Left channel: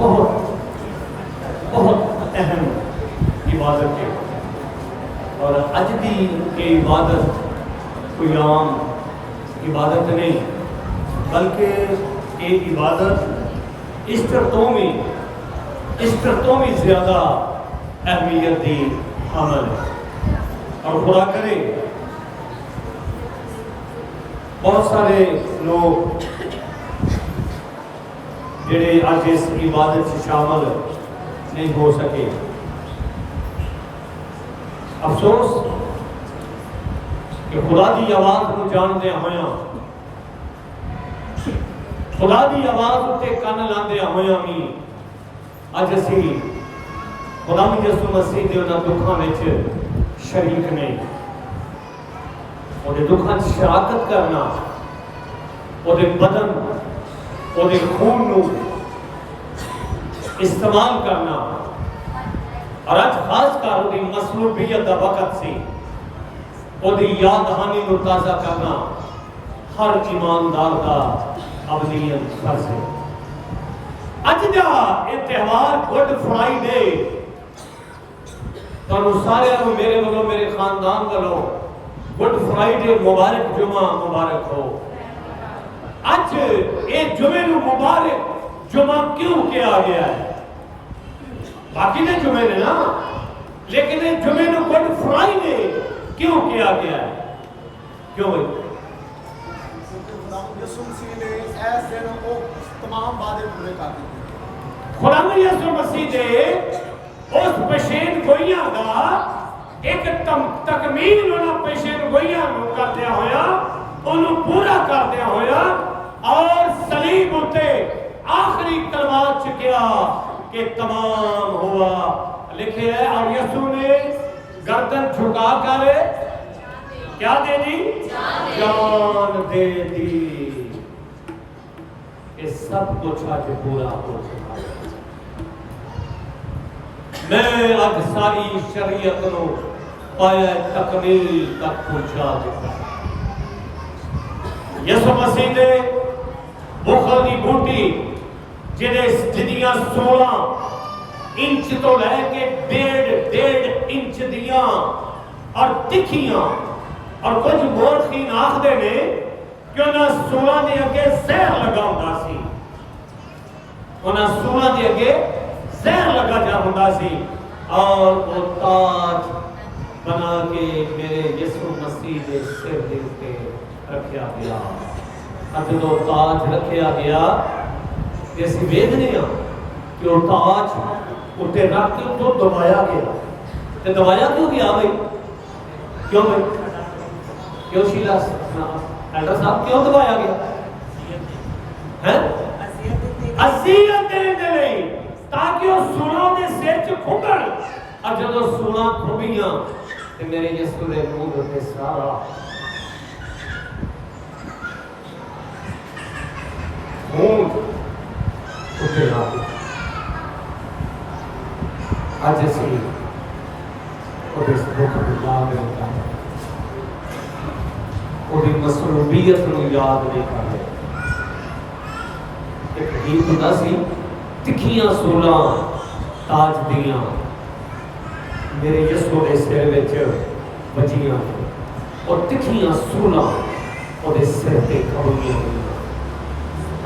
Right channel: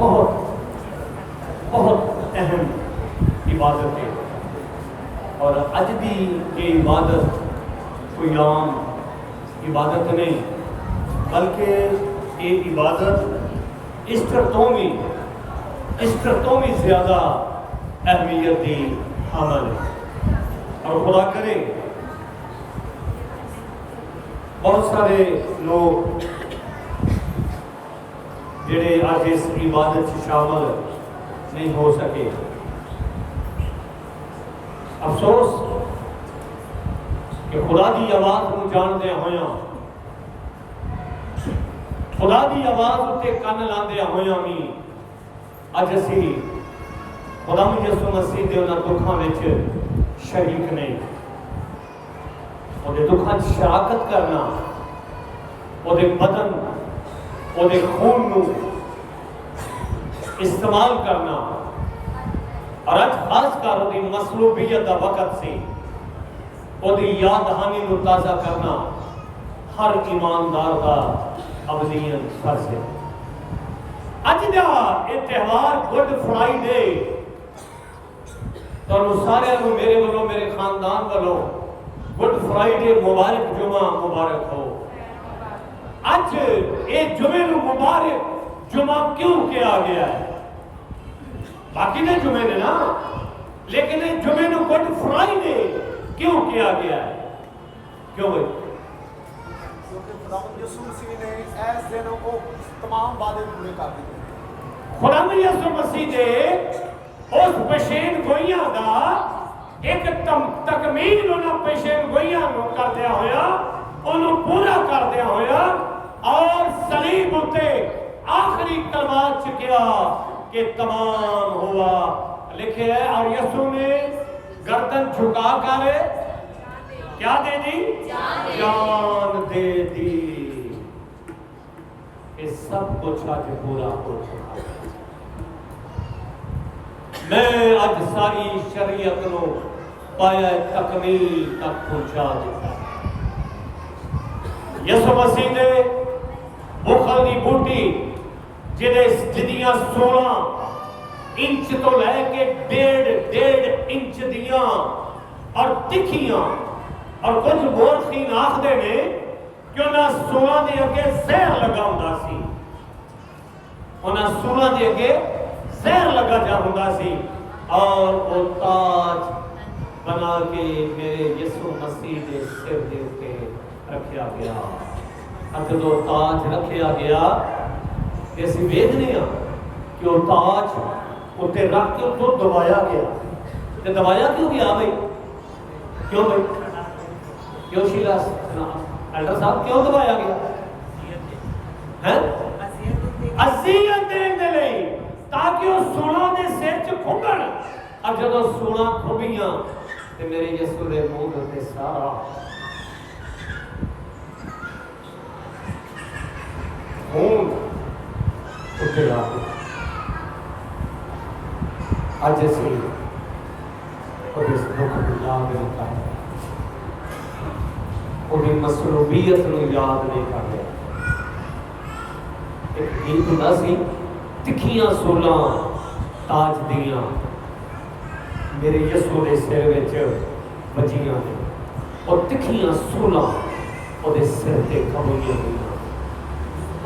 بہت بہت اہم عبادت ہے، اور اج دی یہ عبادت کوئی عام عبادت نہیں، بلکہ یہ عبادت اس طرح میں زیادہ اہمیت دی عمل ہے۔ اور خدا کرے بہت سارے لوگ جڑے آج اس عبادت سے شامل نہیں ہو سکے، افسوس کہ خدا دی آواز کو جاندے ہویاں، خدا دی آواز تے کن لاندے ہویاں بھی اج اسی خدا یسوع مسیح دے انہاں دکھاں وچ شریک نہیں، وہ دکھاں شراکت کرنا، وہ بدن وہ خون نو استعمال کرنا، اور اج خاص کر وہ مصلوبیت دا وقت سی، وہ یاد دہانی نو تازہ کرنا ہر ایماندار کا ابدیت فرض ہے۔ اج دا یہ تہوار گڈ فرائیڈے تو سارے میرے والوں میرے خاندان والوں گڈ فرائیڈے مبارک، جمعہ مبارک ہو۔ اج یہ جمعے نو مبارک جمعہ کیوں کیا گیا ہے؟ باقی نے جمعے نے نا، لیکن یہ جمعے نو گڈ فرائیڈے کیوں کیا گیا ہے؟ کیوں بھائی؟ خدا یسوع مسیح دے اس پیشین گوئیاں دا ایک تکمیل انہاں پیشین گوئیاں نو کردیا ہویا، انہوں پورا کردیا ہویا، اور صلیب اتے آخری کلمات چکیا کہ تمام ہوا لکھے ہے، اور یسوع نے گردن جھکا کر کیا دے دی؟ جان دے دی۔ یہ سب کچھ آج پورا ہو چکا۔ میں آج ساری شریعت نو پایا تکمیل تک پہنچا دیتا۔ یسوع مسیح دے بخل دی بوٹی جدیاں 16 انچ تو لے کے 1.5 انچ دیاں اور تکھیاں، اور کچھ مورخین آخدے نے کہ انہاں 16 دے اگے زہر لگا ہوندا سی، انہاں 16 دے اگے زہر لگا جا ہوندا سی، اور وہ تاج بنا کے میرے یسوع مسیح دے سر دے اوپر رکھیا گیا۔ جدو تاج رکھیا گیا تے اسی ویکھنے ہاں کہ وہ تاج اتنے رکھ کے تو دبایا گیا، تے دبایا کیوں گیا بھائی؟ کیوں بھائی؟ کیوں شیلا ایلڈر صاحب کیوں دبایا گیا؟ اذیت دینے دے لئی، تاکہ وہ سولاں دے سر چ کھبن، اور جدو سولاں کھبیاں تے میرے یسوع دے منہ تے سارا خون اتنے لا کے اج اسی وہ اس دکھ بلا کے ہوتا ہے، وہ مصلوبیت نو یاد نہیں کر رہے۔ ایک گیت ہوتا سی، تکھیاں سولاں تاج دیاں میرے یسوع دے سر وچ بجیاں، اور تکھیاں سولاں وہ دے سر تے کھڑیاں ہوئیاں،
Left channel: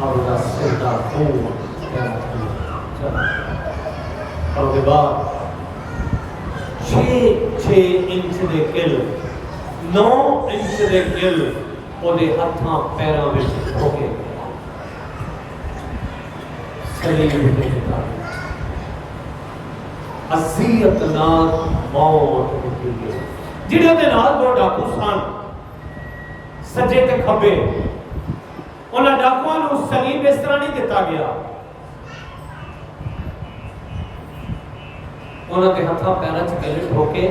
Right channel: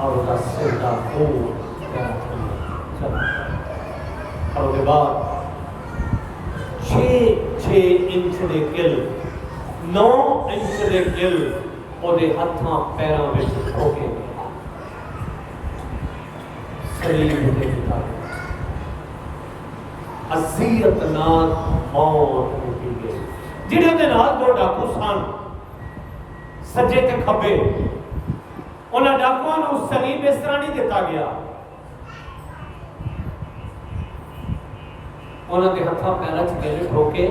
اور وہ سر دا خون چلا، اور دے بعد 6 انچ دے کل 9 انچ دے کل وہ دے ہتھاں پیراں وچ ہو کے صلیب تے چڑھا گیا۔ اذیت نال موت دتی گئی، جنہاں دے نال دو ڈاکو سن سجے تے کھبے، انہاں ڈاکواں نو صلیب اس طرح نہیں دتا گیا، انہاں دے ہتھاں پیراں چ گلے ٹھوکے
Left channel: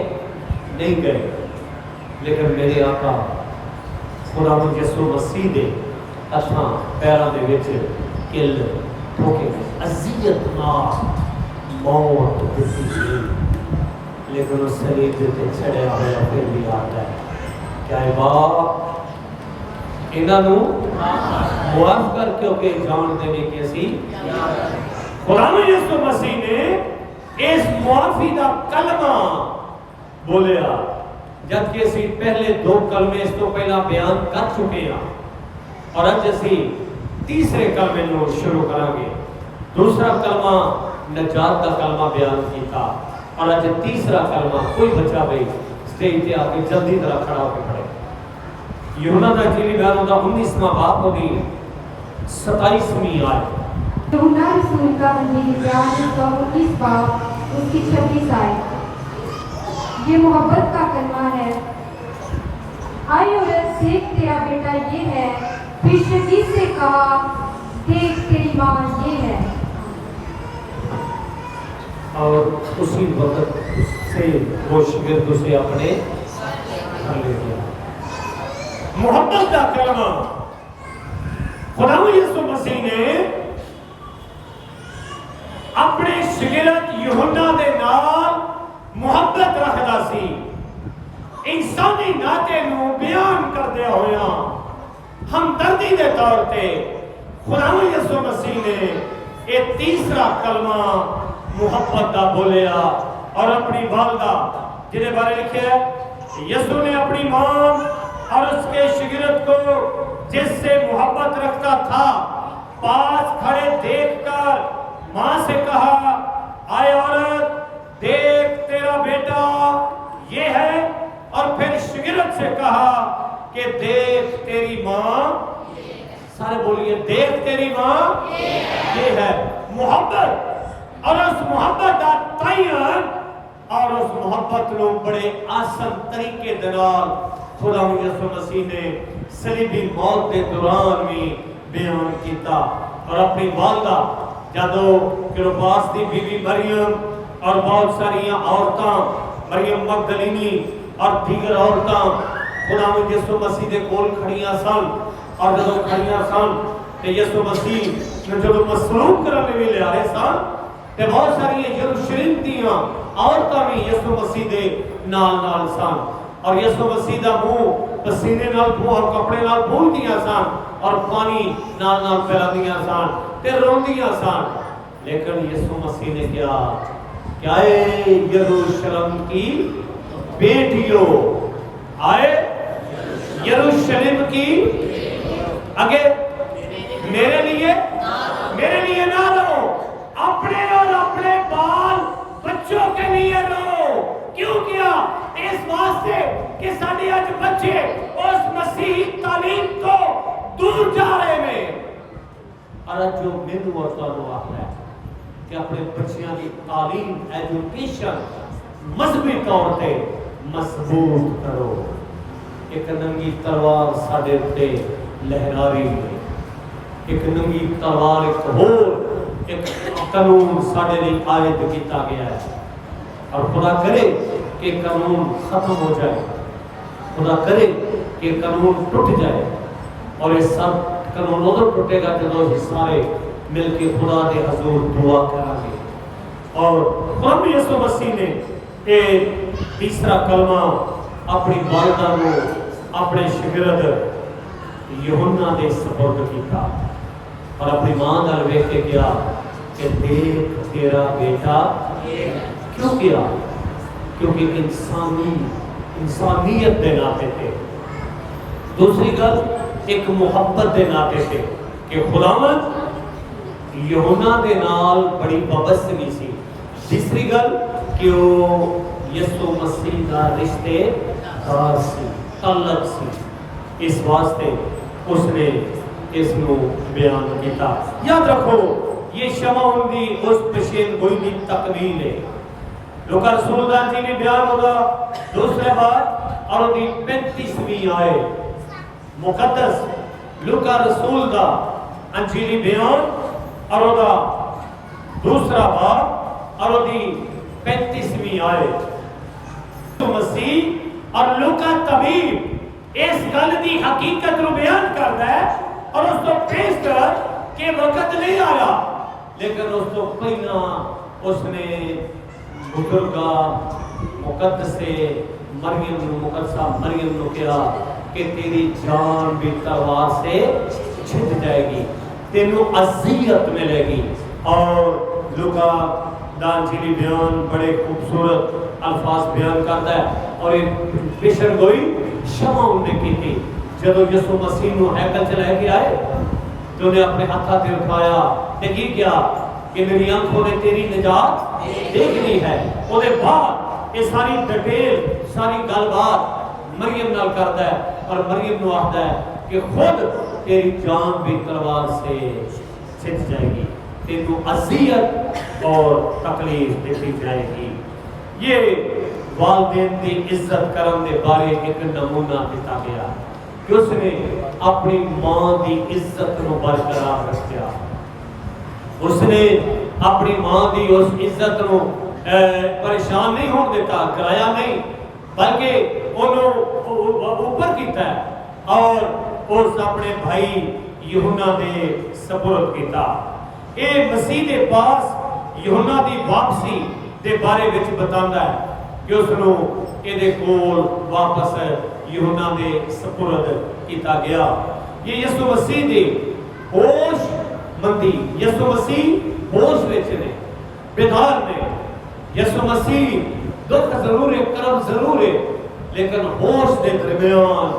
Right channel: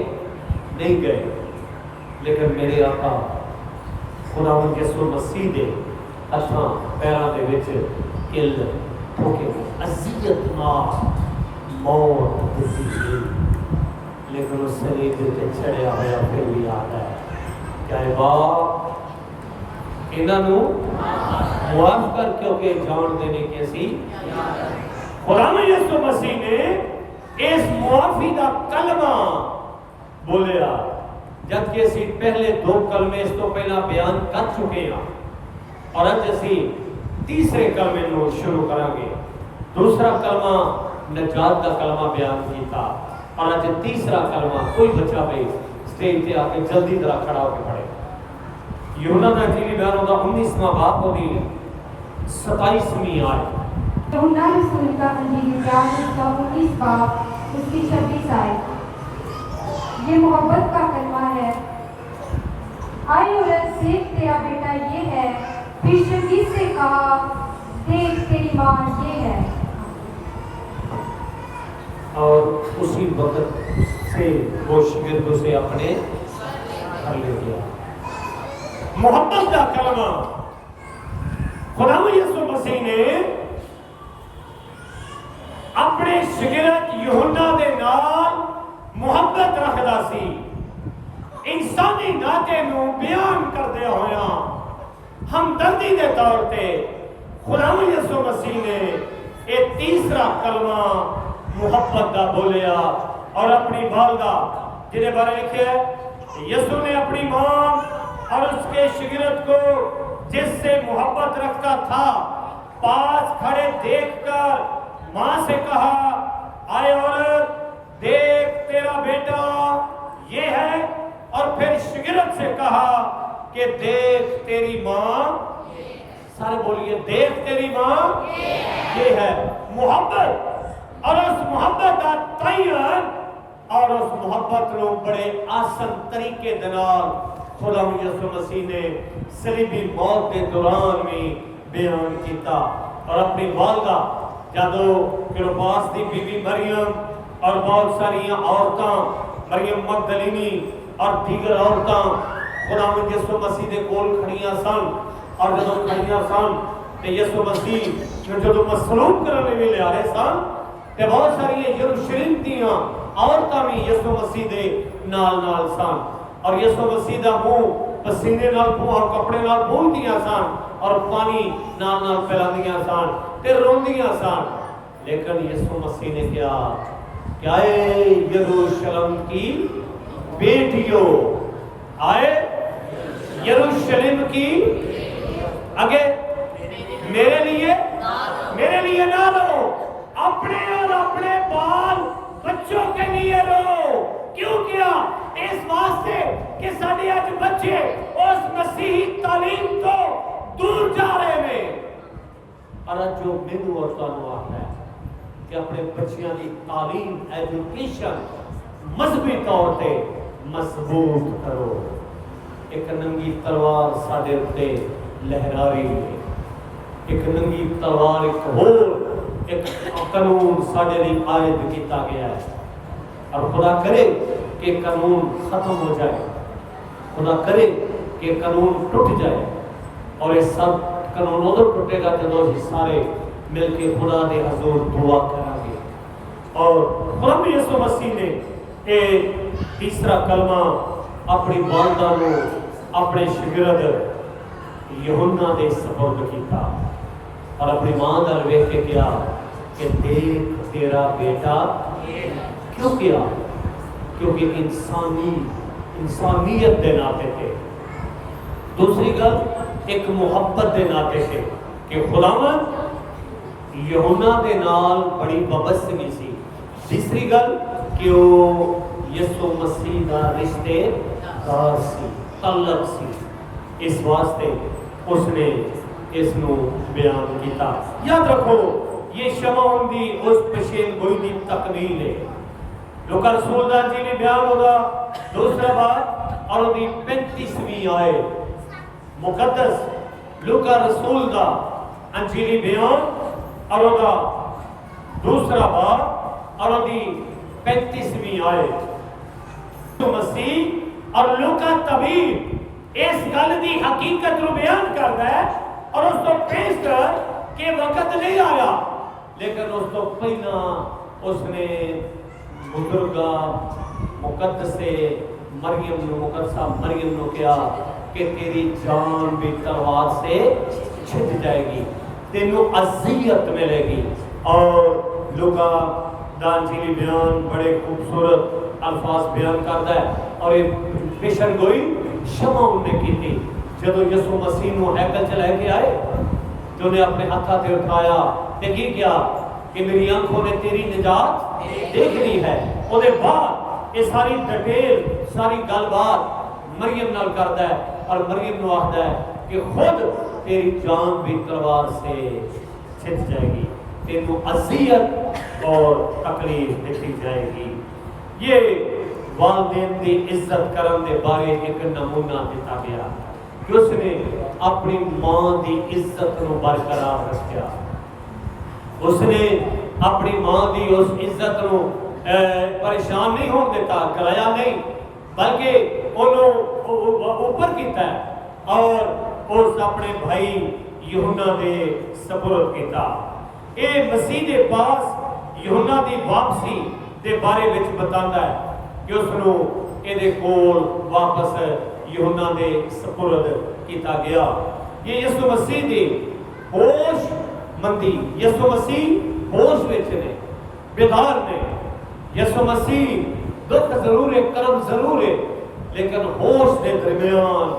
نہیں گئے، لیکن میرے آقا خداوند یسوع مسیح دے ہتھاں پیراں دے وچ کل ٹھوکے گئے، اذیت نال موت دتی گئی، لیکن اس صلیب تے چڑھیا ہوا پھر بھی آتا ہے کیا ہے باپ انہاں نو معاف کر کیونکہ جان دینے کے اسی خداوند یسوع مسیح نے اس معافی دا کلمہ بولیا، جبکہ اسی پہلے دو کلمے اس تو پہلا بیان کر چکے ہیں، اور اج اسی تیسرے کلمے نو شروع کریں گے۔ دوسرا کلمہ نجات کا کلمہ بیان کیتا، اور اج تیسرا کلمہ کوئی بچہ بھائی سٹیج تے آ کے جلدی طرح کھڑا ہو کے پڑھے۔ یوحنا دا انجیل بیان ہوتا 19واں باب ہوتی 27ویں آیت۔ یوحنا رسول کا انجیل بیان ہوتا 19 باب اس کی 26 آیت۔ یہ محبت کا کلمہ ہے، آئے عورت دیکھ تیرا بیٹا یہ ہے، پھر شدید سے کہا دیکھ تیری ماں یہ ہے۔ اور اسی وقت سے وہ شاگرد اسے اپنے گھر لے گیا۔ محبت کا کلمہ خداوند یسوع مسیح نے اپنے شاگرد یوحنا دے نال محبت رکھدا سی، انسانی ناطے نو بیان کردیا ہویا ہمدردی دے طور تے خداوند یسوع مسیح نے یہ تیسرا کلمہ محبت دا بولیا، اور اپنی والدہ جنہیں بارے لکھے ہے یسوع نے اپنی ماں اور اس کے شاگرد کو جس سے محبت رکھتا تھا پاس کھڑے دیکھ کر ماں سے کہا، آئے عورت دیکھ تیرا بیٹا یہ ہے، اور پھر شاگرد سے کہا کہ دیکھ تیری ماں، سارے بولیے دیکھ تیری ماں یہ ہے۔ محبت، اور اس محبت کا تعین اور اس محبت کو بڑے آسان طریقے دنال خداوند یسوع مسیح نے صلیبی موت کے دوران بھی بیان کیتا، اور اپنی والدہ جدو کلوپاس دی بی بی مریم اور بہت ساری عورتاں مریم مگدلینی اور دیگر عورتاں خداوند یسوع مسیح دے کول کھڑیاں سن، اور جدو کھڑیاں سن تے یسوع مسیح جدو مصلوب کرنے لے آ رہے سن تے بہت ساری یروشلم دیاں عورتاں بھی یسوع مسیح دے نال نال سن، اور یسوع مسیح دا منہ پسینے نال اور کپڑے نال بھولدیاں سن، اور پانی نال نال پھیلاندیاں سن تے روندیاں سن، لیکن یسوع مسیح نے کیا کہ اے یروشلم کی بیٹیوں، آئے یروشلم کی آگے میرے لیے نہ رو، اپنے اور اپنے بال بچوں کے لیے رو۔ کیوں کیا؟ اس واسطے کہ ساڈے اج بچے اس مسیحی تعلیم تو دور جا رہے ہیں، اور جو مینوں اور تانوں آخدا ہے کہ اپنے بچیاں دی تعلیم ایجوکیشن مذہبی طور تے مضبوط کرو۔ ایک ننگی تلوار ساڈے اُتے لہرا رہی ہے، ایک ننگی تلوار ایک قانون ساڈے لئی عائد کیتا گیا ہے، اور خدا کرے کہ قانون ختم ہو جائے، خدا کرے کہ قانون ٹوٹ جائے، اور یہ سب قانون ادھر ٹوٹے گا جدو ہی سارے مل کے خدا دے حضور دعا کریں گے۔ اور خدا یسوع مسیح نے یہ تیسرا کلمہ اپنی والدہ نو اپنے شاگرد یوحنا دے سپرد کیتا، اور اپنی ماں نال ویکھ کے کیا کہ دیکھ تیرا بیٹا۔ کیوں کیا؟ کیونکہ انسانیت دے ناطے تھے، دوسری گل ایک محبت دے ناطے تھے کہ خداوند یوحنا دے نال بڑی وابستگی سی، تیسری گل کہ وہ یسوع مسیح دا رشتے دار سی، تعلق سی، اس واسطے اس نے اس نو بیان کیتا۔ یاد رکھو یہ شمعون دی اس پشین گوئی دی تکمیل ہے۔ لوکا رسول دا انجیل بیان ہوگا دوسرے بات اور دی 35ویں آیت، مقدس لوکا رسول دا انجیلی بیان اور دا دوسرا بات اور دی 35ویں آیت، مسیح اور لوکا طبیب اس گل دی حقیقت رو بیان کردا ہے، اور اس تو پیش کر کہ وقت نہیں آیا، لیکن اس تو پہلا اس نے بزرگا مقدس مقدسہ مریم نو کیا کہ تیری جان بھی تلوار سے چھٹ جائے گی، تینوں اذیت ملے گی، اور لوکا دانجیلی بیان بڑے خوبصورت الفاظ بیان کرتا ہے اور ایک پیشن گوئی شمع انہیں کی تھی جدو یسوع مسیح نو ہیکل چ لے کے آئے تو انہیں اپنے ہاتھاں تے اٹھایا تے کی کیا کہ میری آنکھوں نے تیری نجات دیکھ لی ہے. او دے بعد یہ ساری ڈیٹیل ساری گل بات مریم نال کرتا ہے اور مریم نو آخدا ہے کہ خود تیری جان بھی تلوار سے چھٹ جائے گی تینوں اذیت اور تکلیف دیتی جائے گی. یہ والدین دی عزت کرن دے بارے ایک نمونہ دیتا گیا کہ اس نے اپنی ماں دی عزت نو برقرار رکھیا. اس نے اپنی ماں دی اس عزت نو پریشان نہیں ہون دیتا کرایا نہیں بلکہ انہوں اوپر کیتا ہے اور اس اپنے بھائی یوحنا دے سپرد کیتا. اے مسیح دے پاس یوحنا دی واپسی دے بارے وچ بتاندا ہے کہ اس نو اے دے کول واپس یوحنا دے سپرد کیتا گیا. یہ یسوع مسیح دی ہوش مندی یسوع مسیح ہوش وچ نے بیدار نے. یسوع مسیح دکھ ضرور ہے کرم ضرور ہے لیکن ہوش دے درمیان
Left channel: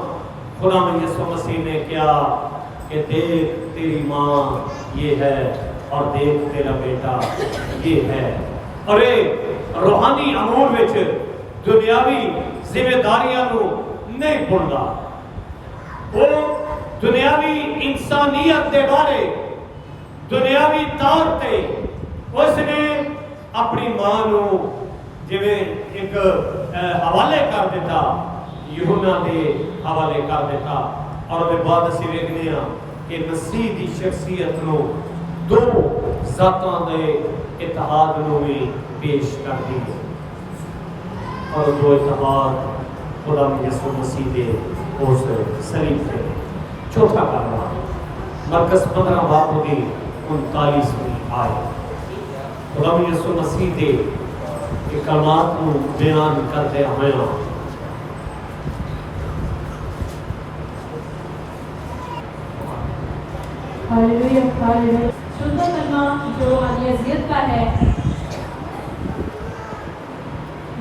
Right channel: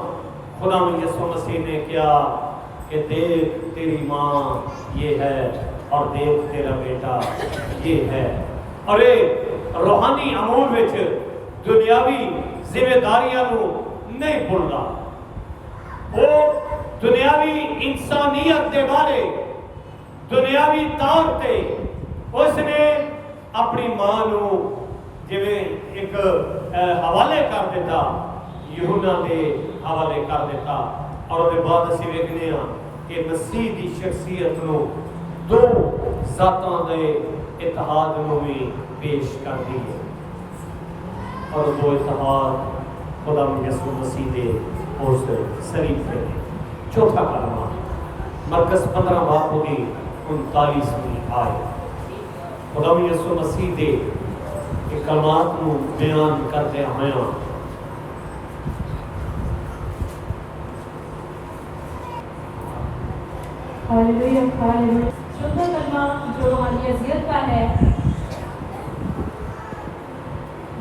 خدا میں یسوع مسیح نے کیا کہ دیکھ تیری ماں یہ ہے اور دیکھ تیرا بیٹا یہ ہے. اور اے روحانی امور وچ دنیاوی ذمہ داریاں نو نہیں بھولنا. وہ دنیاوی انسانیت دے بارے دنیاوی طور تے اس نے اپنی ماں نو جویں ایک حوالے کر دیتا یوحنا دے حوالے کر دیتا. اور اس کے بعد اسی ویکھنے ہاں کہ مسیح دی شخصیت نو دو ذاتاں دے اتحاد نو بھی پیش کر دی اور دو اتحاد خدا میں یسوع مسیح دے اس صلیب پہ. چوتھا کلمہ مرکز 15 باب دی 39ویں آیت خدا میں یسوع مسیح دے کلمات نو بیان کرتے ہوئے ہاللویا ہاللویا. چوتھا کلمہ جو روحانی اذیت کا ہے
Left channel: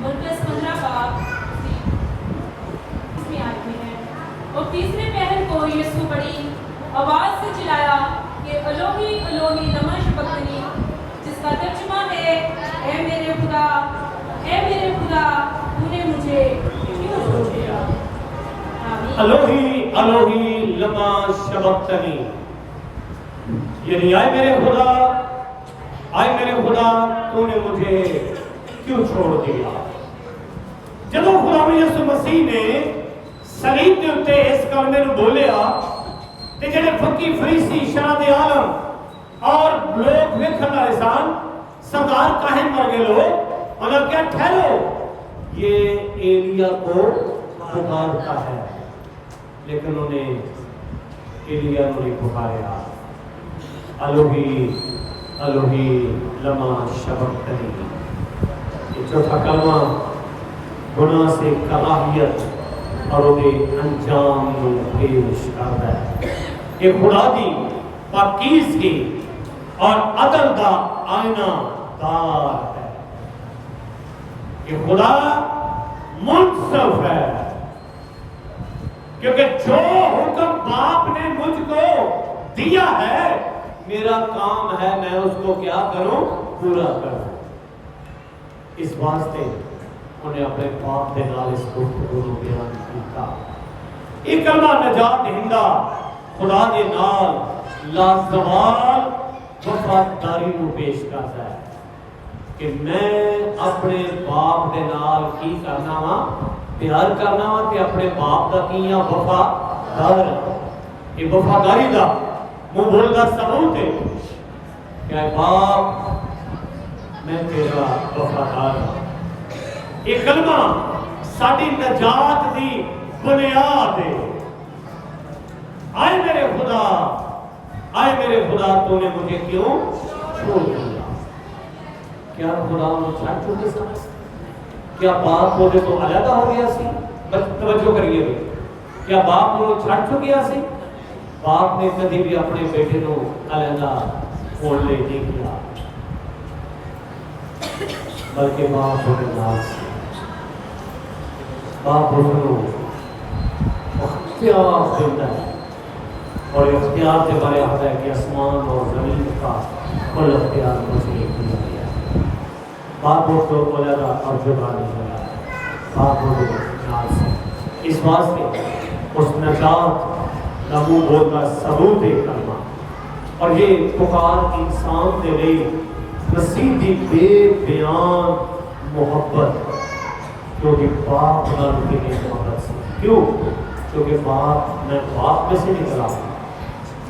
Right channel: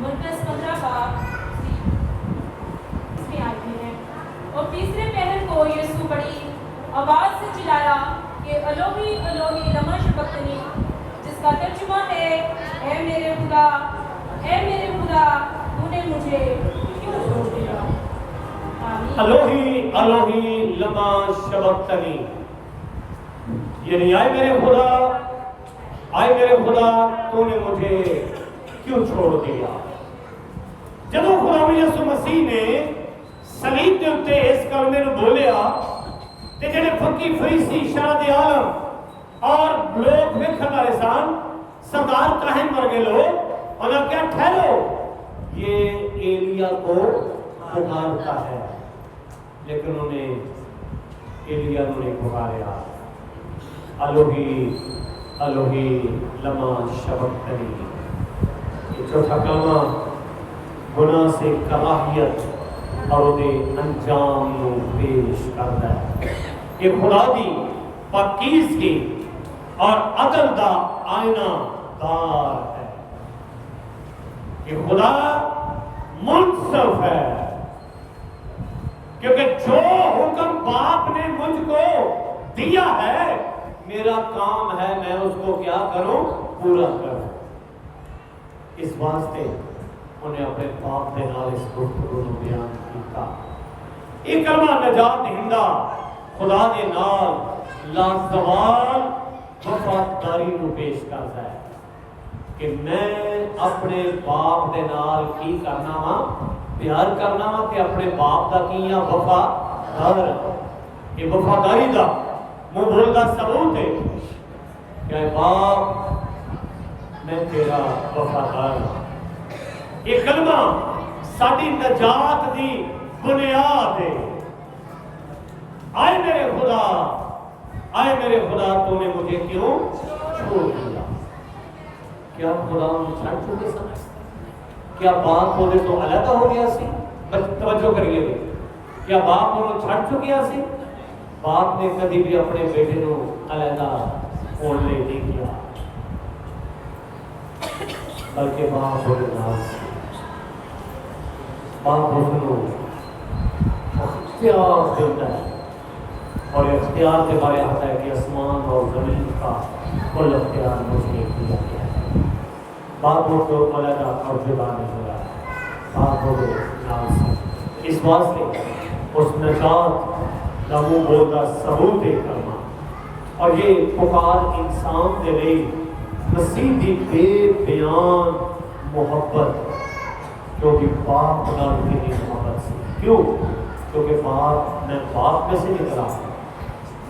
مرکز 15 باب 30 آیت میں ہے. اور تیسرے پہر کو یسوع بڑی آواز سے چلایا کہ الوہی الوہی لما شبقتنی جس کا ترجمہ ہے اے میرے خدا تو نے مجھے کیوں چھوڑ دیا. الوہی الوہی لما شبقتنی یعنی آئے میرے خدا تو نے مجھے کیوں چھوڑ دیا. جب خدا یسوع مسیح نے صلیب کے اوپر اس کلمے نو بولیا تے جڑے فقی فریسی شرع عالم اور لوگ ویکھن والے سن سردار کاہن ورگے لوگ انہوں نے کیا ٹھہرو یہ ایلیا کو پکارتا ہے لیکن انہوں نے ایلیا نو نہیں پکاریا. الوہی الوہی لما شبقتنی. یہ چوتھا کلمہ گناہ سے کراہیت اور انہیں انجام کو پیش کرتا ہے. یہ خدا دی پاکیزگی اور عدل دا آئینہ دار ہے. یہ خدا منصف ہے کیونکہ جو حکم باپ نے مجھ کو دیا ہے میرا کام ہے میں اس کو کیا کروں پورا کروں. اس واسطے انہیں اپنے باپ دے نال اس گفتگو کو بیان کیتا. یہ کلمہ نجات دہندہ خدا دے نال لازوال وفاداری کو پیش کرتا ہے کہ میں اپنے باپ دے نال کی کرنا وا پیار کرنا وا تے اپنے باپ دا کیاں وفادار. یہ وفاداری دا منہ بولدا ثبوت ہے کہ اے باپ میں تیرا وفادار ہوں. یہ کلمہ ساری نجات دی بنیاد ہے. آئے میرے خدا تو نے مجھے کیوں چھوڑ دیا. کیا خدا چھوڑ چکے سمجھ کیا باپ وہ تو علیحدہ ہو گیا سی. توجہ کریے کیا باپ وہ چھڑ چکیا سی. باپ نے کبھی بھی اپنے بیٹے کو علیحدہ ہونے نہیں کیا. بلکہ باپ اور ناز سے باپ کو اختیار دیتا ہے، اور اختیار کے بارے آتا ہے کہ آسمان اور زمین کا کل اختیار مجھے دیا گیا ہے۔ باپ کو علیحدہ اور جدا نہیں ہوا، باپ کو ناز سے اس واسطے اس نجات کا منہ بولتا ثبوت کلمہ، اور یہ پکار انسان دے رہی مسیح دی بے بیان محبت، کیونکہ باپ نال کی محبت سے، کیوں؟ کیونکہ میں باپ میں سے نکلا ہوں،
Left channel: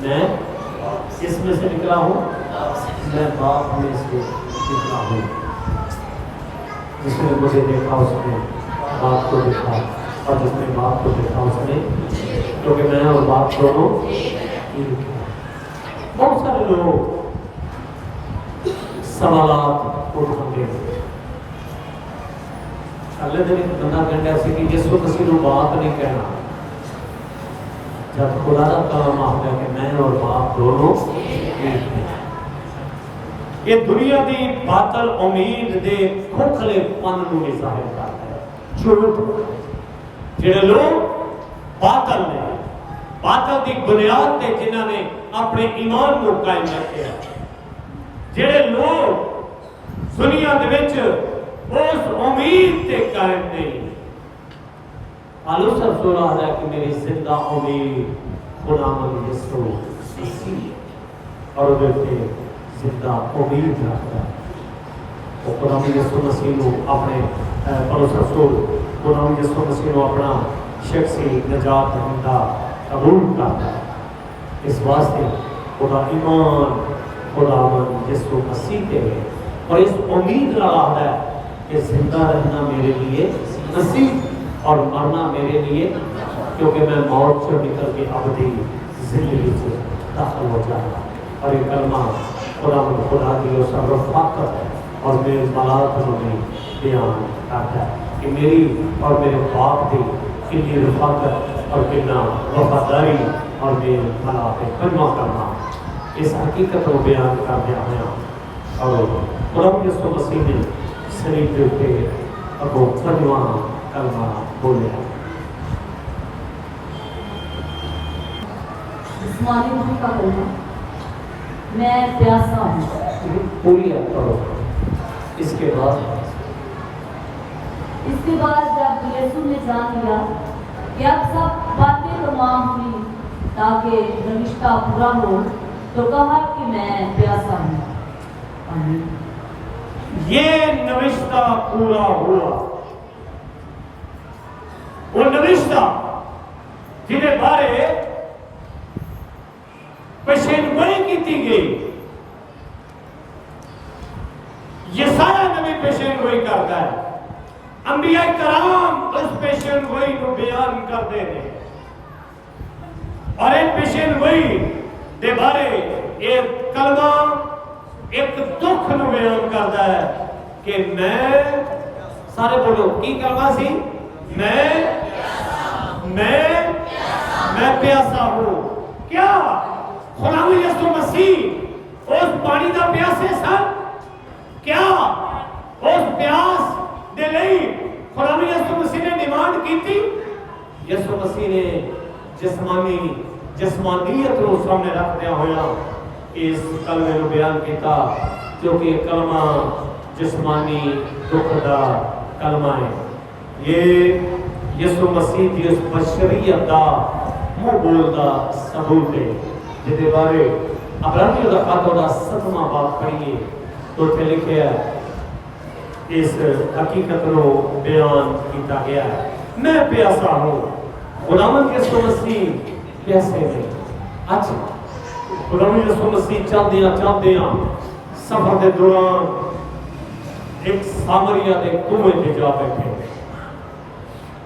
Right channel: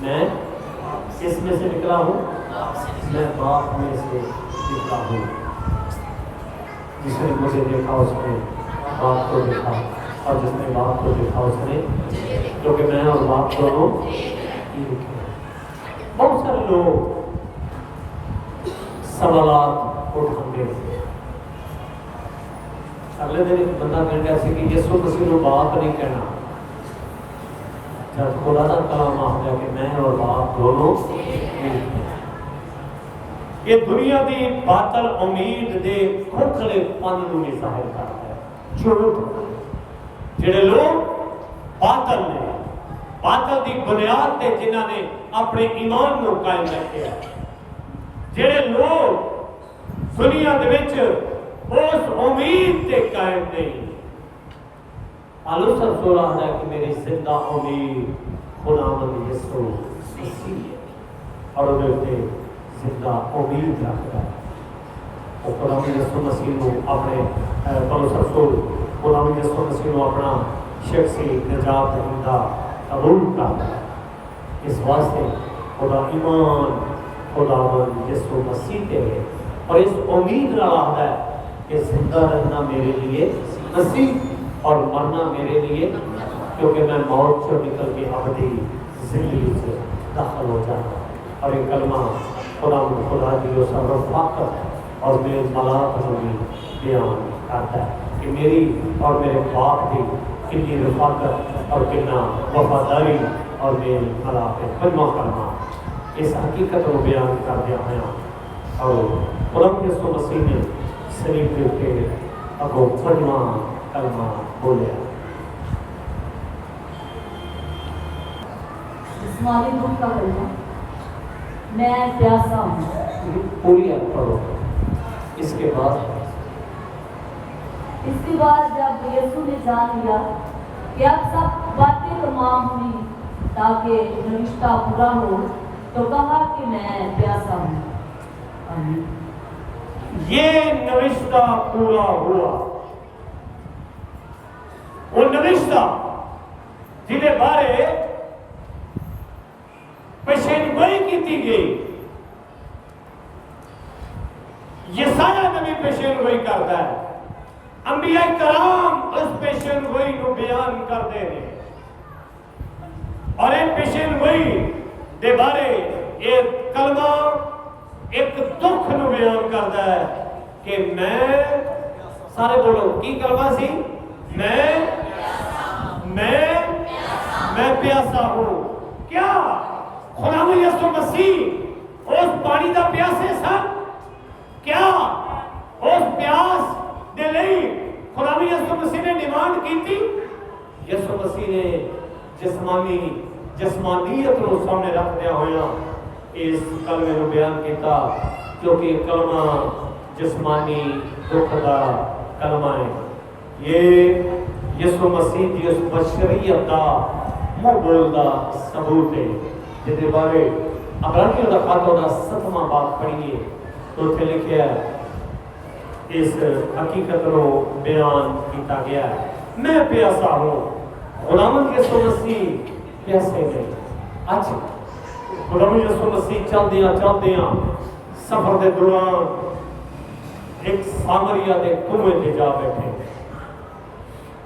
میں کس میں سے نکلا ہوں؟ میں باپ میں سے نکلا ہوں۔ جس نے مجھے دیکھا اس نے باپ کو دیکھا، اور جس نے باپ کو دیکھا اس نے، کیونکہ میں اور باپ دونوں ایک ہیں۔ بہت سارے لوگ سوالات اٹھاتے ہیں، اگلے دن ایک بندہ کہنا ایسے کہ یسوع مسیح کو بات نہیں کہنا، جب خدا کا کلام آتا ہے کہ میں اور باپ دونوں ایک ہیں۔ یہ دنیا دی باطل امید دے کھوکھلے پن نوں ظاہر کرتا ہے، جھوٹ۔ جڑے لوگ باطل نے، باطل دی بنیاد تے جنہاں نے اپنے ایمان نو قائم رکھیا، جڑے لوگ دنیا دے وچ اس امید تے قائم نہیں، پالوس رسول آتا ہے کہ میری زندہ امید خداوند یسوع مسیح ہے، اور وہ زندہ امید رکھتا ہے۔ تو خداوند یسوع مسیح کو اپنے پالوس رسول خداوند یسوع مسیح کو اپنا شخصی نجات دہندہ قبول کرتا ہے۔ اس واسطے خدا ایمان خداوند یسوع مسیح تے ہے، اور اس امید رہا ہے کہ زندہ رہنا میرے لیے مسیح اور مرنا میرے لیے، کیونکہ میں موت سے نکل کے ابدی زندگی سے داخل ہو جاتا۔ اور یہ کلمہ خدا کی اس رفاقت اور میرے ملاقات میں بیان کرتا ہے کہ میری اور میرے باپ کی کتنی رفاقت اور کتنا وفاداری اور میرے ملاقات کلمہ کرنا، اس حقیقت کو بیان کر دیا ہے۔ اور خدا یسوع مسیح نے شریف کے اگوں پنجواں کلمہ بولے، جسمانی دکھ کا کلمہ، میں پیاسا ہوں۔ پوری آپ پڑھو۔ اس کے بعد جب یسوع نے جان لیا کہ اب سب باتیں تمام ہوئی تاکہ نوشتہ پورا ہو، تو کہا کہ میں پیاسا ہوں۔ آمین۔ یہ نوشتہ پورا ہوا، وہ نوشتہ جنہیں بارے پیشنگوئی کی گئی، یسایہ نبی پیشنگوئی کرتا ہے، انبیاء کرام اس پیشنگوئی کو بیان کرتے ہیں، اور ایک پیشنگوئی دے بارے ایک کلمہ ایک دکھ نو بیان کرتا ہے کہ میں، سارے بولو کی کلمہ سی، میں پیاسا ہوں۔ کیا خداوند یسوع مسیح اس پانی دا پیاسے سن؟ کیا اس پیاس دے لئی خداوند یسوع مسیح نے ڈیمانڈ کی تھی؟ یسوع مسیح نے جسمانیت کو سامنے رکھ دیا ہویا اس کلمے کو بیان کیتا، کیونکہ کلمہ جسمانی دکھ دا کلمہ ہے۔ یہ یسوع مسیح کی اس بشریت دا منہ بولدا ثبوت ہے، جس کے بارے عبرانیوں دا خط دا 7واں باب پڑھیے تو اتنے لکھیا ہے، اس حقیقت کو بیان کیتا گیا ہے، میں پیاسا ہوں۔ خداوند یسوع مسیح پیاسے نہیں۔ اچھا خداوند یسوع مسیح چلدیاں سفر دے دوران ایک سامریا دے کنویں تے جا بیٹھے،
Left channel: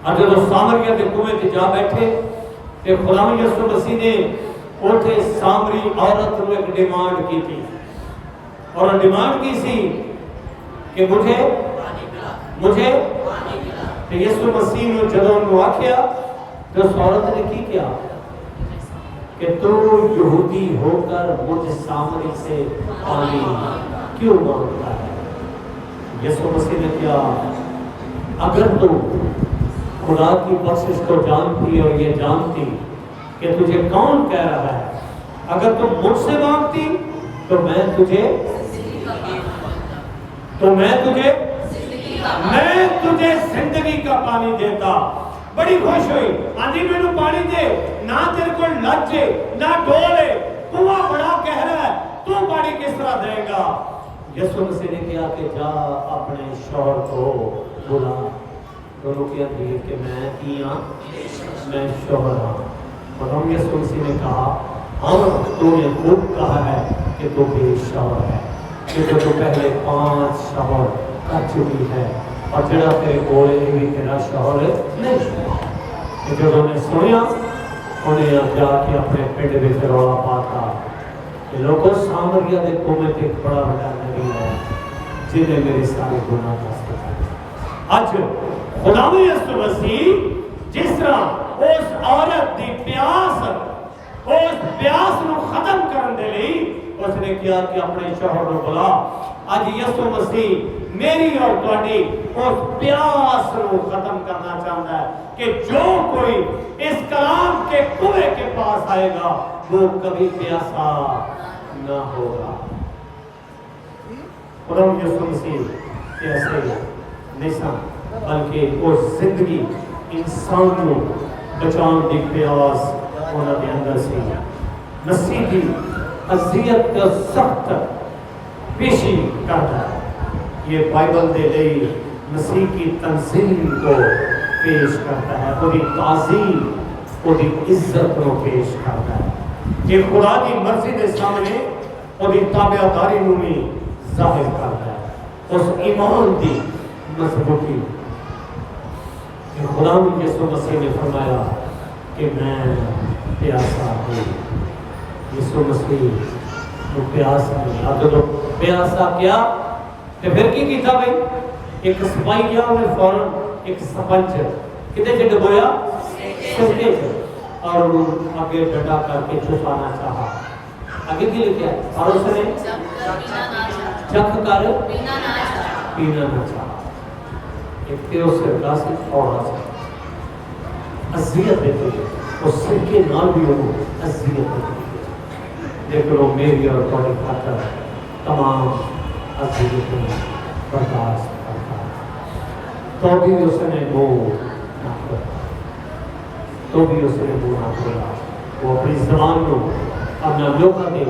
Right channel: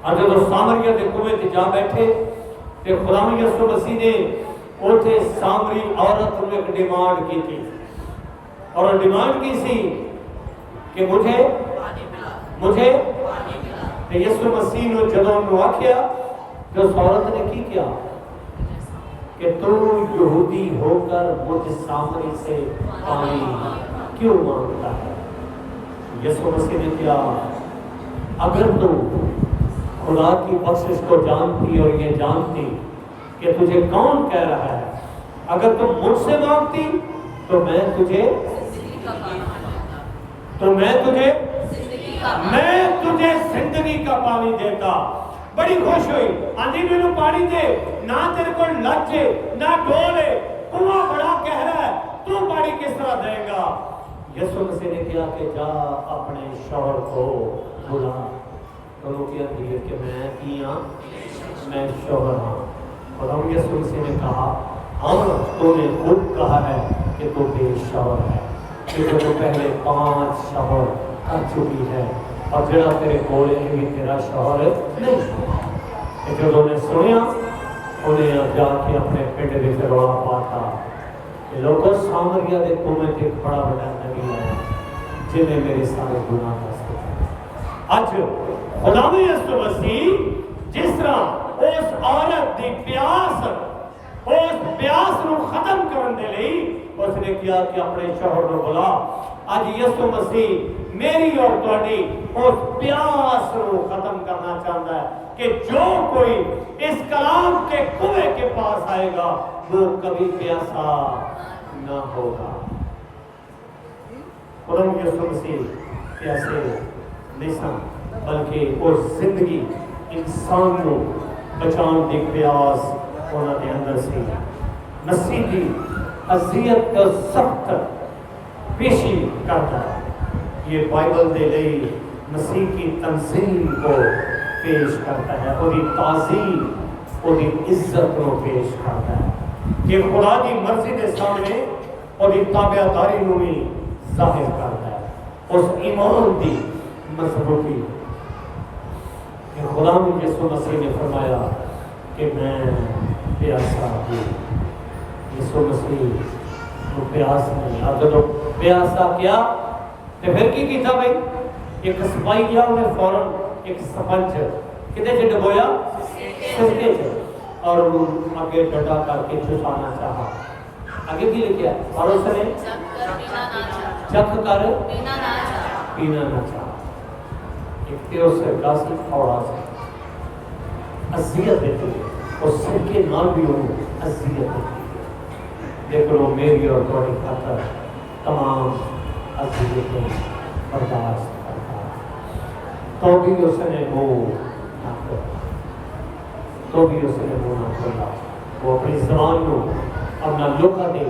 اور جب سامریا دے کنویں تے جا بیٹھے تے خداوند یسوع مسیح نے اوتھے سامری عورت نوں ایک ڈیمانڈ کی تھی، اور ڈیمانڈ کی سی کہ مجھے تے یسوع مسیح نے جدوں انہوں آکھیا تو اس عورت نے کی کیا کہ تو یہودی ہو کر مجھ سامری سے پانی کیوں مانگتا ہے؟ یسوع مسیح نے کیا، اگر تو خدا کی بخشش کو جانتی اور یہ جانتی کہ تجھے کون کہہ رہا ہے، اگر تم مجھ سے مانگتی تو میں تجھے زندگی کا پانی دیتا۔ بڑی خوش ہوئی، آندھی میں نو پانی دے، نہ تیرے کو لجے نہ ڈولے، کنواں بڑا گہرا ہے، تو پانی کس طرح دے گا؟ یسوع مسیح نے کیا کہ جا اپنے شوہر کو بلا۔ دونوں کیا دیئے کہ میں شوہر ہوں۔ اور ہم یسوع مسیح نے کہا ہاں تو نے خود کہا ہے کہ تو بے شوہر ہے، کیونکہ تو پہلے 5 شوہر کر چکی ہے اور جڑا تیرے کولے بھی تیرا شوہر نہیں۔ کہ جو نے سنیا انہیں اب جا کے اپنے پنڈ میں رولا پاتا کہ لوگوں سامریا دے کومے تے بڑا بڑا نبی ہے جنہیں میرے سارے گناہ معاف کر۔ اج خدا یسوع مسیح جس طرح اس عورت دی پیاس نو ختم کرن دے لئی اس نے کیا کہ اپنے شوہر نو بلا۔ اج یسوع مسیح میری اور تہاڈی اس پیاس نو ختم کرنا چاہتا ہے کہ جو کوئی اس کلام کے کنویں کے پاس آئے گا وہ کبھی پیاسا نہ ہوگا۔ قرآن یسوع مسیح پیاسے نہیں سن بلکہ وہ زندگی انسان کو بچان دی پیاس انہاں دے اندر سی۔ مسیح دی اذیت کا سخت پیشی کرتا ہے۔ یہ بائبل دے لئی مسیح کی تنظیم کو پیش کرتا ہے، وہ دی تعظیم، وہ دی عزت کو پیش کرتا ہے کہ خدا دی مرضی دے سامنے وہ دی تابعداری نو بھی ظاہر کرتا ہے، اس ایمان دی مضبوطی کہ خدا یسوع مسیح نے فرمایا کہ میں پیاسا ہوں۔ یسوع مسیح وہ پیاس نہیں، اب جب پیاسا کیا تو پھر کی کیتا بھائی؟ ایک سپاہی گیا انہیں فوراً ایک سپنچ کتے سے ڈبویا سرکے سے اور آگے ڈٹا کر کے چھپانا چاہا۔ آگے کی لکھیا ہے اور اس نے چکھ کر پینا نہ چاہا۔ ایک تیرو سے گلاسی اور آسا عذیت دیتی ہے، اس سرکے نال بھی انہوں عذیت دیتی ہے، لیکن وہ میری اور توڑی خاطر تمام عذیتیں برداشت کرتا ہے۔ تو بھی اس نے منہ نہ کھولا، تو بھی اس نے منہ نہ کھولا۔ وہ اپنی زبان کو اپنا لوکا دے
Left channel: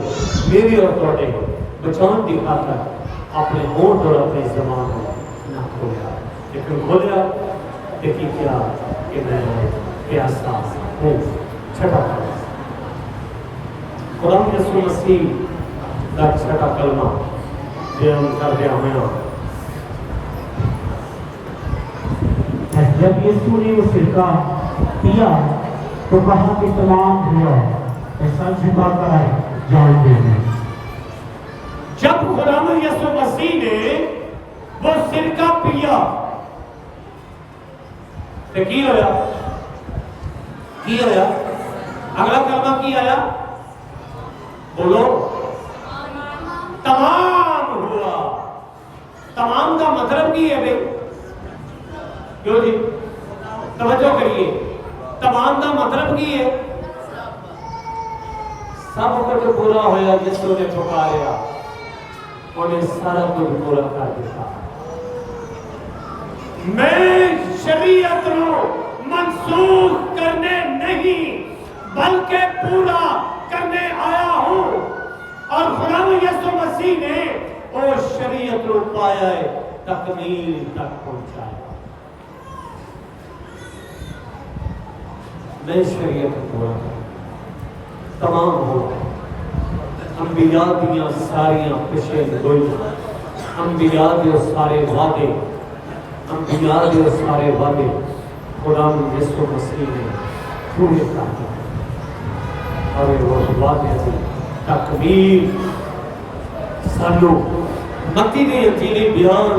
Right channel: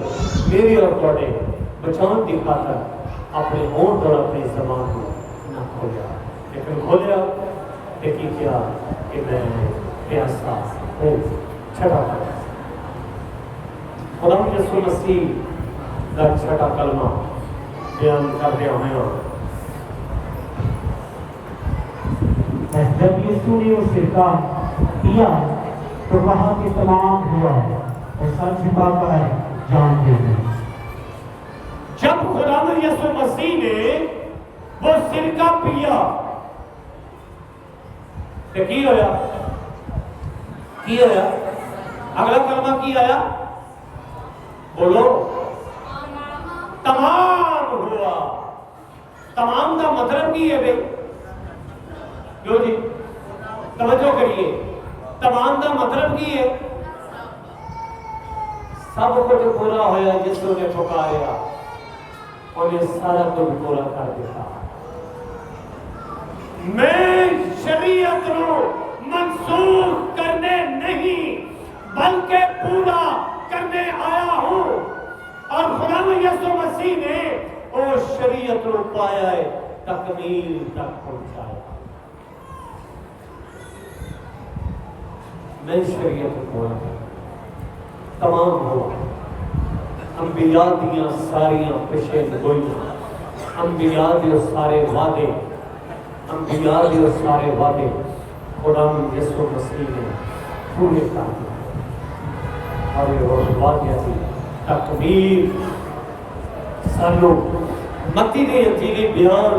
میری اور توڑے بچان دی خاطر اپنے ہونٹ اور اپنی زبان کو نہ کھولا، لیکن کھولیا دیکھی کیا کہ میں پیاسا ہوں۔ چھٹا کلمہ خدا یسوع مسیح کا چھٹا کلمہ بیان کر دیا ہمیں۔ جب یسوع نے وہ سرکہ پیا تو کہا کہ تمام ہوا، اور سر جھکا کر جان دے دی۔ جب خدا یسوع مسیح نے وہ سرکہ پیا تو کی ہویا؟ اگلا کلمہ کی آیا؟ بولو تمام ہوا۔ تمام کا مطلب کی ہے بھئی؟ کیوں جی توجہ کریے، تمام کا مطلب کی ہے؟ سب کچھ پورا ہویا جس نے پکاریا انہیں سارا کچھ پورا کر دیا۔ میں شریعت نو منسوخ کرنے نہیں بلکہ پورا کرنے آیا ہوں، اور خدا یسوع مسیح نے وہ شریعت نو پایا ہے تکمیل تک پہنچایا۔ میں شریعت کو پورا تمام ہو گئے۔ انبیاء دیاں ساریاں پیشین گوئیاں، انبیاء دیو سارے وعدے، انبیاء دیو سارے وعدے خدا یسوع مسیح نے پورے کر دیا، اور یہ وہ وعدے دی تکمیل سانو متی دی انجیلی بیان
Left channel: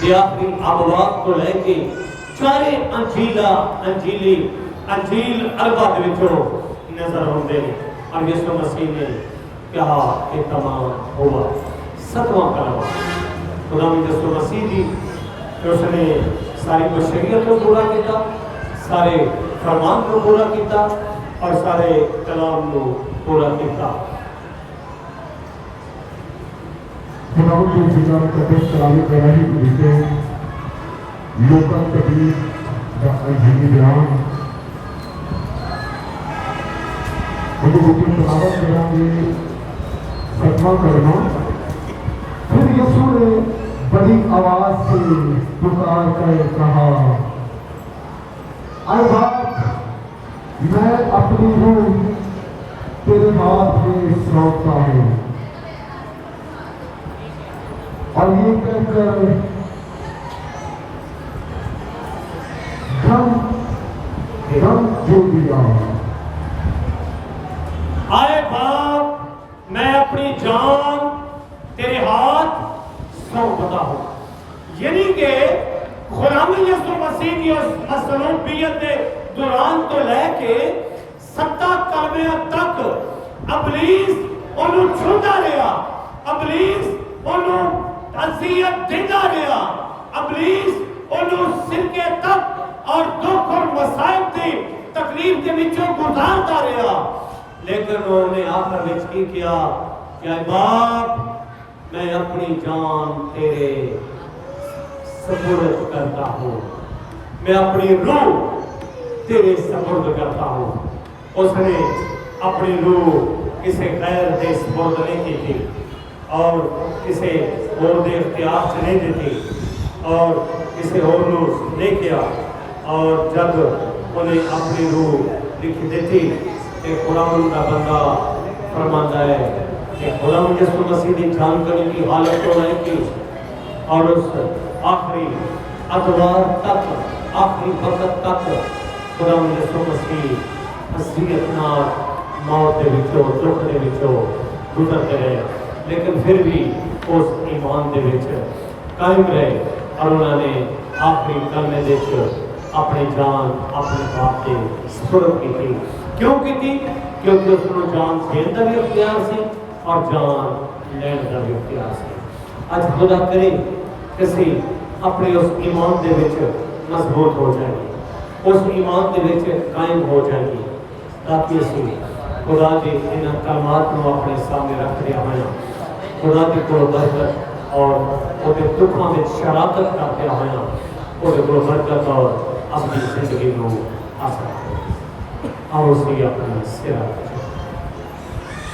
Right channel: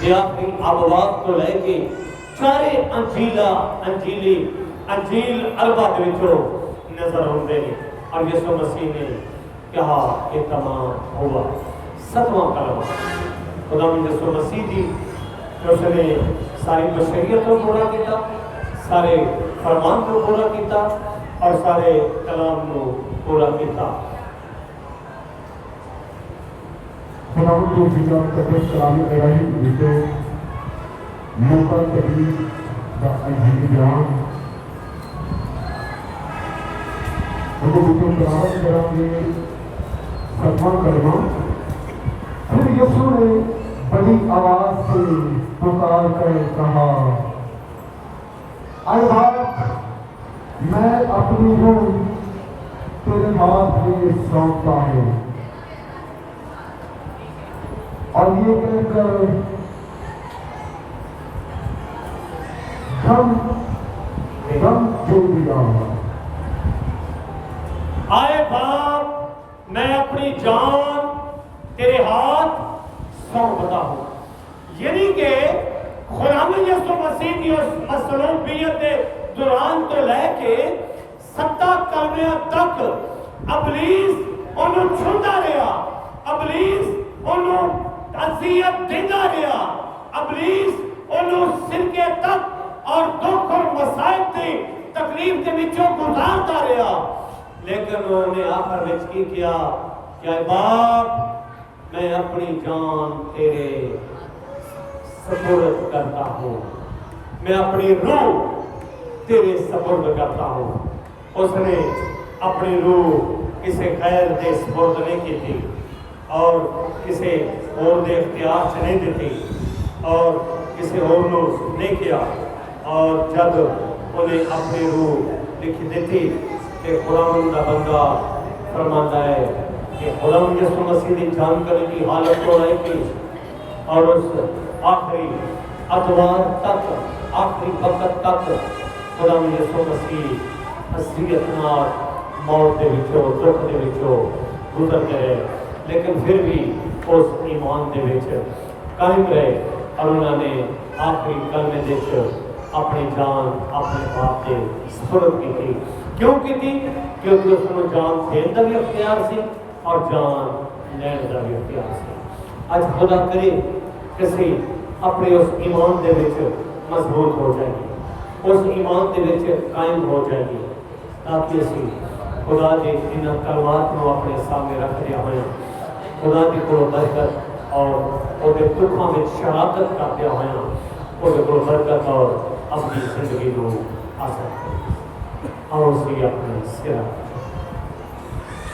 دی آخری ابواب تو لے کے چارے انجیل اربع دے وچوں نظر ہوندے نے، اور یسوع مسیح نے کہا کہ تمام ہوا۔ 7واں کلمہ خدا یسوع مسیح دی کہ اس نے ساری بشریت کو پورا کیتا، سارے فرمان کو پورا کیتا اور سارے کلام کو پورا کیتا۔ خداوند کے جلال قدس کلام الہی کے وچوں لوکاں تکلیف دا انجیل بیان وہ وچوں تلاوت کریں گے، ختمہ کرنا۔ پھر یسوع نے بڑی آواز سے پکار کر کہا، اے باپ، میں اپنی روح تیرے ہاتھ میں سونپتا ہوں۔ اور یہ کہہ کر دم جو دیا۔ آئے باپ، میں اپنی جان تیرے ہاتھ سونپتا ہوں۔ یعنی کہ خداوند یسوع مسیح کی اس مصلوبیت کے دوران تو لے کے 7 کلمے تک ابلیس انہوں چھوڑتا رہا، ابلیس انہوں اذیت دیتا رہا، ابلیس انہوں سرکے تک اور دکھ اور مصائب کی تکلیف کے وچوں گزارتا رہا، لیکن انہوں نے آخر وچ کی کیا کہ اے باپ، میں اپنی جان تیرے سپرد کرتا ہوں، میں اپنی روح تیرے سپرد کرتا ہوں۔ اس نے اپنی روح کسی غیر دے سپرد نہیں کی تھی اور کسی اور دے اختیار سے نہیں دیتی اور کسی اور نے نہیں کیا، اور جب انہیں اپنی روح لکھ دیتی کہ خداوند کا بندہ فرماتا ہے کہ خداوند یسوع مسیح کی جان کرنے کی حالت کو رہے گی، اور اس آخری ادوار تک، آخری وقت تک خداوند یسوع مسیح اذیت نال موت دے وچوں، دکھ دے وچوں گزرتے رہے، لیکن پھر بھی اس ایمان دے وچ قائم رہے اور انہوں نے آخری کلمے دے وچ اپنی جان اپنے باپ کے سپرد کی تھی۔ کیوں کی تھی؟ کیونکہ اس کو جان دین کا بھی اختیار سی اور جان لین کا بھی اختیار سی۔ آج خدا کرے کسی اپنے اس ایمان دے وچ مضبوط ہو جائے گی، اس ایمان دے وچ قائم ہو جائے گی، تاکہ اسی خدا کے ان کلمات کو اپنے سامنے رکھ دیا ہوئے، خدا کی کو برکت اور وہ دکھوں میں شراکت کرتے ہوئے وہ برکت اور اپنی زندگی کو آ سکتے اور اسی اپنے سر